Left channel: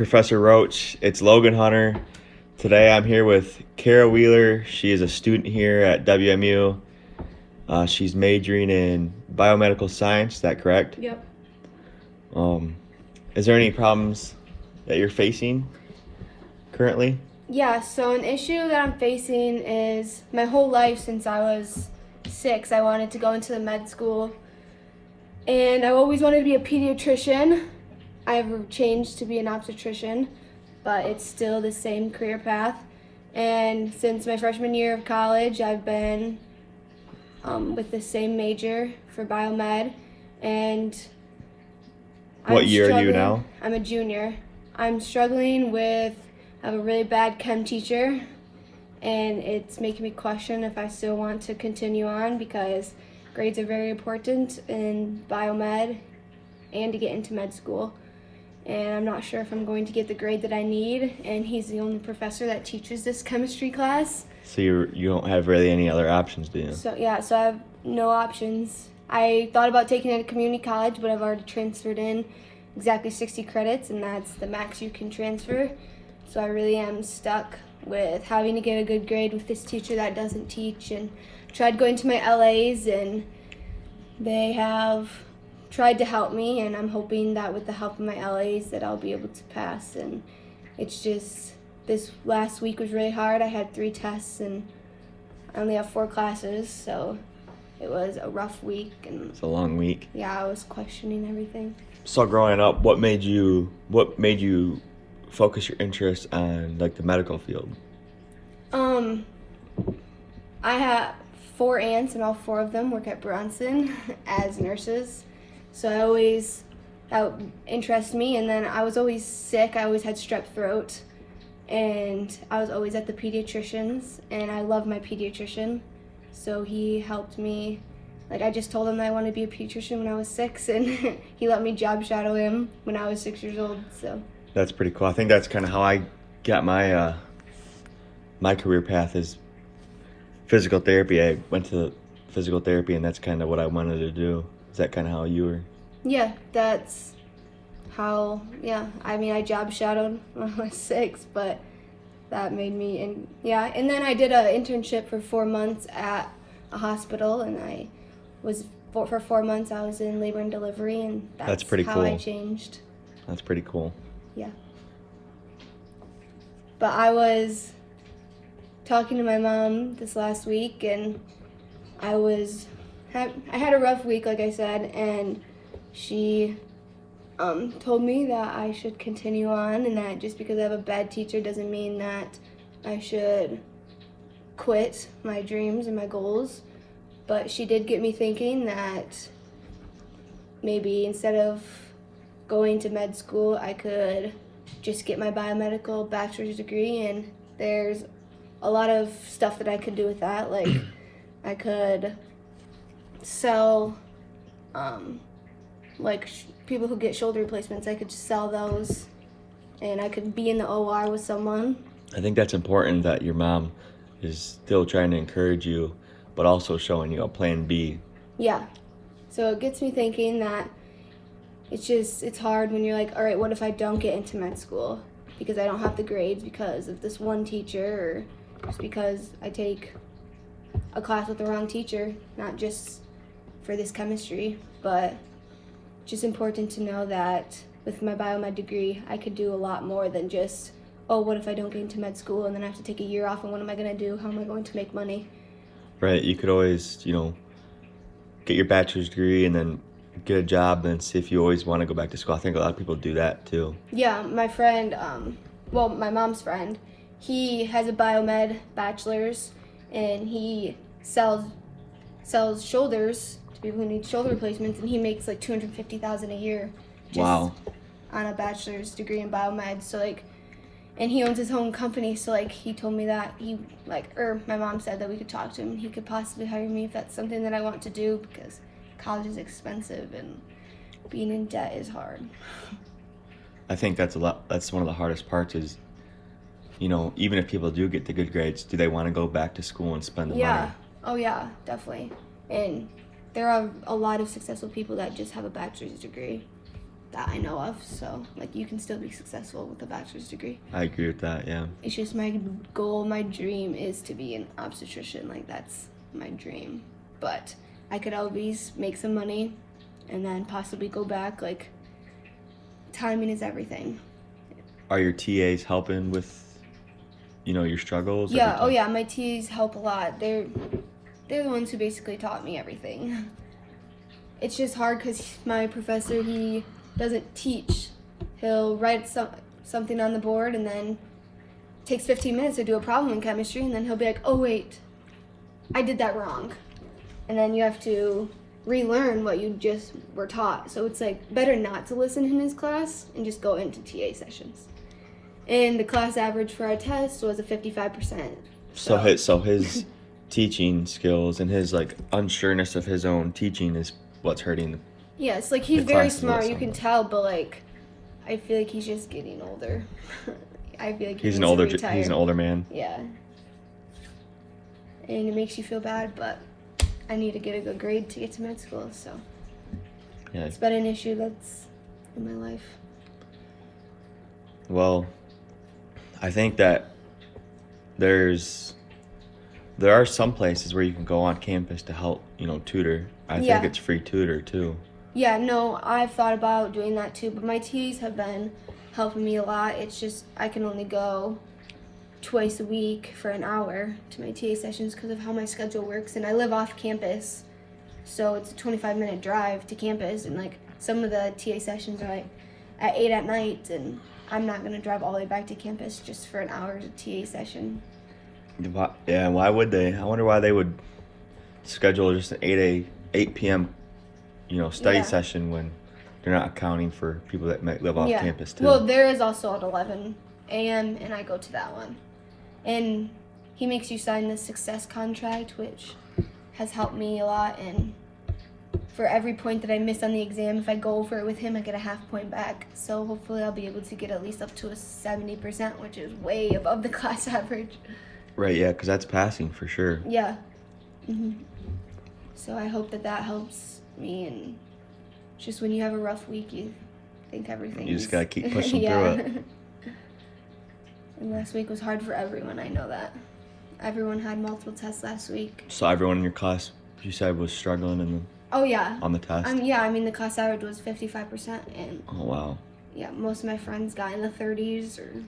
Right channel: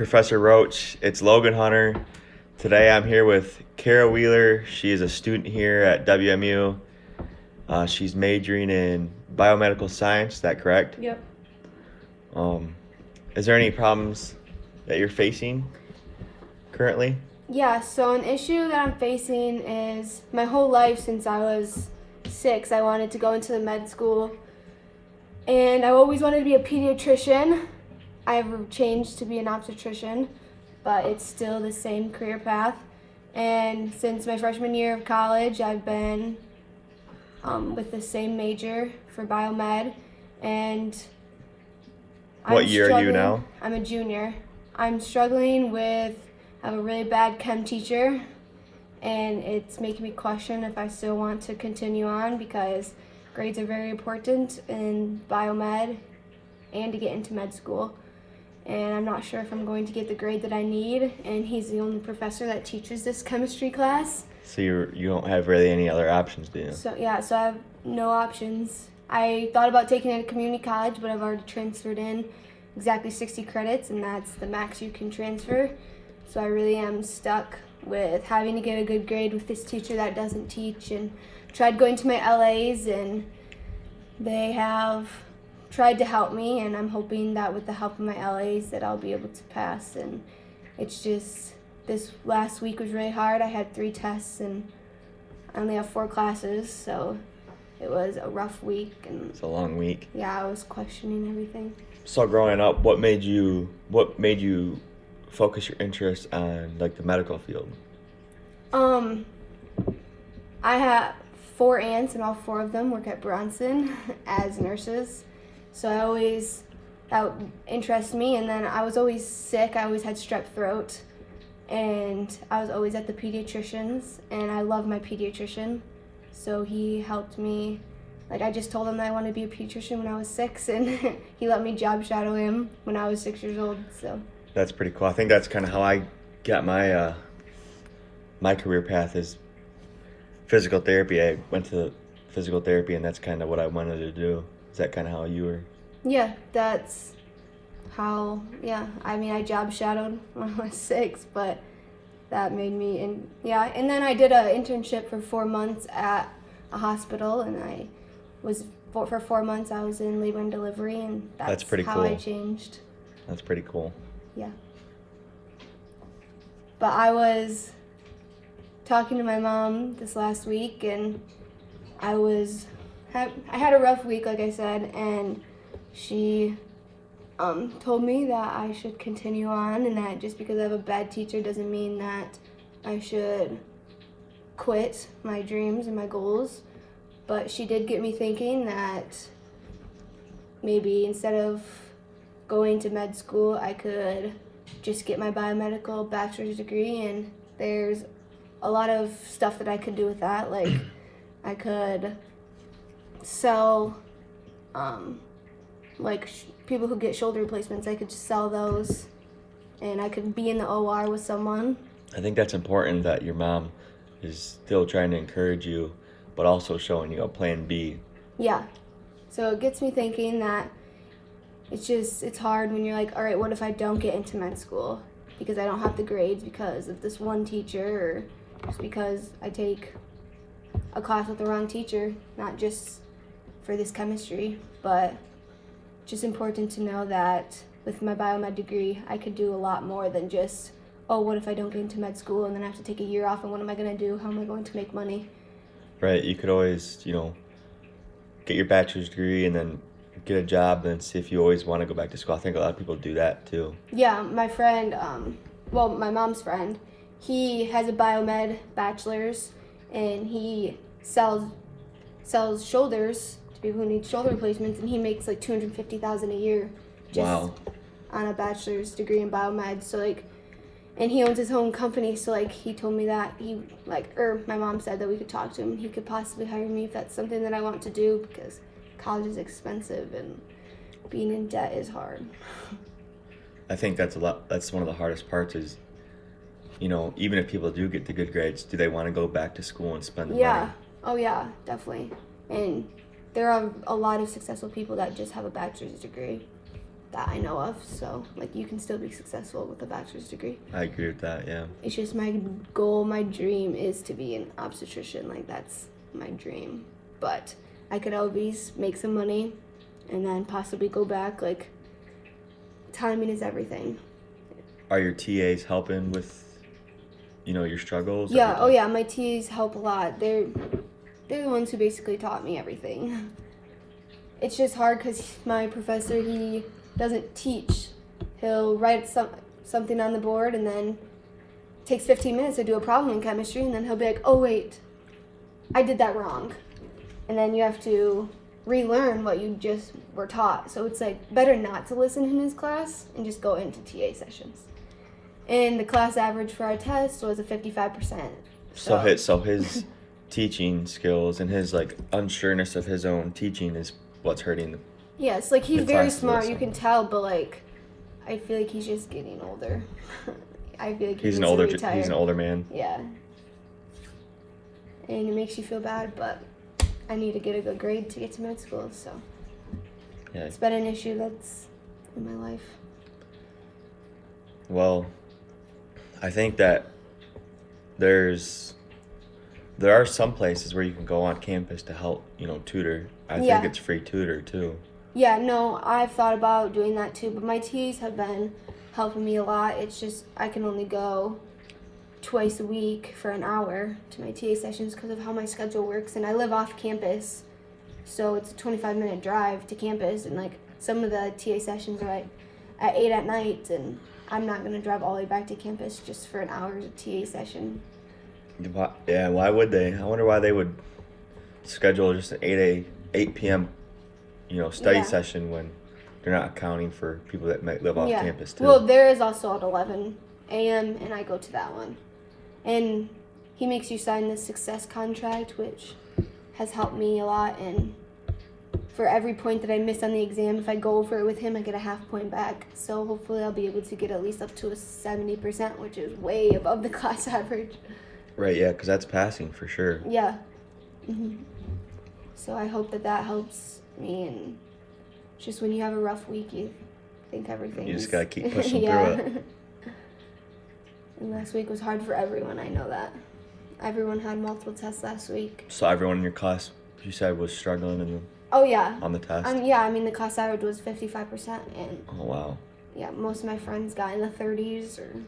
Professor Roach. It's Logan Hunter. Today I'm here with Kara Wheeler. She is a student here at WMU. She's majoring in biomedical science, is that correct? Yep. Is there any problems that you're facing currently? Yeah, so an issue that I'm facing is my whole life since I was 6, I wanted to go into the med school. And I always wanted to be a pediatrician. I've changed to be an obstetrician, but it's still the same career path. And since my freshman year of college, I've been with the same major for biomed. And What year are you now? I'm a junior. I'm struggling with, I have a really bad chem teacher, and it's making me question if I still want to continue on because grades are very important in biomed and to get into med school. And I'm not sure if I'm going to get the grade that I need, and he's the only professor that teaches this chemistry class. So you don't have really any other options, do you? So I have no options. I thought about taking it at community college, but I've already transferred in exactly 60 credits, and that's the max you can transfer. So I really am stuck with having to get a good grade with this teacher that doesn't teach, and tried going to my LAs, and they have tried to help me, and I'm hoping that with the help of my LAs that I'll be able to pass. And it's just, this last week was really hard. I had 3 tests and I only have 4 classes, so it was a rough week. And It's a long week. yeah, I was questioning everything. So growing up, what made you focus your interest on like the medical field? I have 4 aunts, and all 4 of them work at Bronson as nurses. So that interests me. And then I was always sick. I always had strep throat, and I was always at the pediatrician's, and I love my pediatrician. So he helped me. Like, I just told him that I wanted to be a pediatrician when I was 6, and he let me job shadow him when I was 6 years old. So That's pretty cool. I think that's kind of how I got my my career path is physical therapy. I went to physical therapy, and that's kind of what I wanted to do. Is that kind of how you were? yeah, that's how. Yeah, I mean, I job shadowed when I was 6, but that made me. And then I did an internship for 4 months at a hospital, and I was for 4 months I was in labor and delivery, and that's pretty how cool. I changed. That's pretty cool. Yeah. But I was talking to my mom this last week, and I had a rough week, like I said, and she told me that I should continue on, and that just because I have a bad teacher doesn't mean that I should quit my dreams and my goals. But she did get me thinking that maybe instead of going to med school, I could just get my biomedical bachelor's degree, and there's a lot of stuff that I could do with that. Like, I could sell, people who get shoulder replacements, I could sell those, and I could be in the OR with someone. I think that's important that your mom is still trying to encourage you, but also showing you a plan B. Yeah. So it gets me thinking that it's hard when you're like, all right, what if I don't get into med school because I don't have the grades because of this one teacher, or just because I take a class with the wrong teacher, not just for this chemistry, but it's just important to know that with my biomed degree, I could do a lot more than just, oh, what if I don't get into med school and then I have to take a year off, and what am I going to do? How am I going to make money? Right, you could always, get your bachelor's degree and then get a job and see if you always want to go back to school. I think a lot of people do that too. Yeah, my friend, my mom's friend, he has a biomed bachelor's, and he sells shoulders to people who need shoulder replacements, and he makes like $250,000 a year just Wow. on a bachelor's degree in biomed. So and he owns his own company, so he told me that my mom said that we could talk to him. He could possibly hire me if that's something that I want to do, because college is expensive and being in debt is hard. I think that's one of the hardest parts is, even if people do get the good grades, do they want to go back to school and spend the money? Oh yeah, definitely. And there are a lot of successful people that just have a bachelor's degree. that I know of. So, like, you can still be successful with a bachelor's degree. I agree with that, yeah. It's just my goal, my dream is to be an obstetrician. Like, that's my dream. But I could always make some money and then possibly go back. Like, timing is everything. Are your TAs helping with, your struggles? Yeah, oh yeah, my TAs help a lot. They're the ones who basically taught me everything. It's just hard because my professor, he doesn't teach. He'll write something on the board and then it takes 15 minutes to do a problem in chemistry, and then he'll be like, oh wait, I did that wrong. And then you have to relearn what you just were taught. So it's like better not to listen in his class and just go into TA sessions. And the class average for our test was a 55%. So his teaching skills and his like unsureness of his own teaching is what's hurting. Yeah, it's like he's the very classes smart, also. you can tell, but like I feel like he's just getting older. I feel like He's an older man. Yeah. And it makes you feel bad, but I need to get a good grade to get to med school, so Yeah. it's been an issue that's in my life. Well, I think that there are some places where you can go on campus to help, tutor. I think it's free tutor too. Yeah, no, I've thought about doing that too, but my TAs have been helping me a lot. It's just I can only go twice a week for an hour to my TA sessions because of how my schedule works, and I live off campus, so it's a 25-minute drive to campus, and like some of the TA sessions are like at 8 at night, and I'm not going to drive all the way back to campus just for an hour's TA session. Yeah, why would they? I wonder why they would schedule just an 8 p.m. Study session when they're not accounting for people that might live off campus too. Well, there is also at 11 a.m. and I go to that one. And he makes you sign the success contract, which has helped me a lot. And for every point that I miss on the exam, if I go over it with him, I get a half point back. So hopefully I'll be able to get at least up to a 70%, which is way above the class average. Right, yeah, because that's passing for sure. Yeah. So I hope that helps me, and just when you have a rough week, you think everything. You just gotta keep pushing through it. And last week was hard for everyone. I know that. Everyone had multiple tests last week. So everyone in your class, you said, was struggling Oh yeah. on the test. Yeah. I mean, the class average was 55%, and Oh wow. yeah, most of my friends got in the 30s or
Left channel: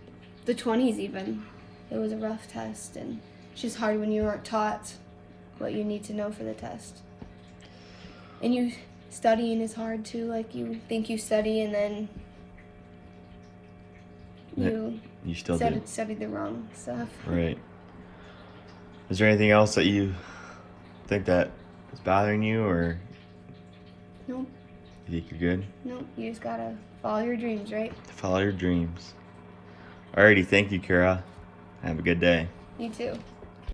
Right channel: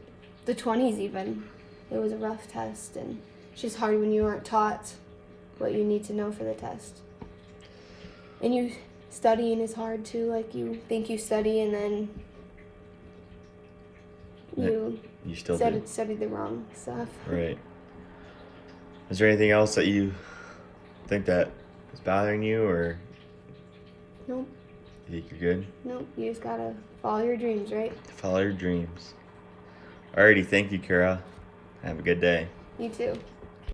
the 20s even. It was a rough test, and it's just hard when you aren't taught what you need to know for the test. And studying is hard too. Like, you think you study and then you still study the wrong stuff. Right. Is there anything else that you think that is bothering you, or Nope. you think you're good? Nope. You just gotta follow your dreams, right? Follow your dreams. Alrighty, thank you, Kara. Have a good day. You too.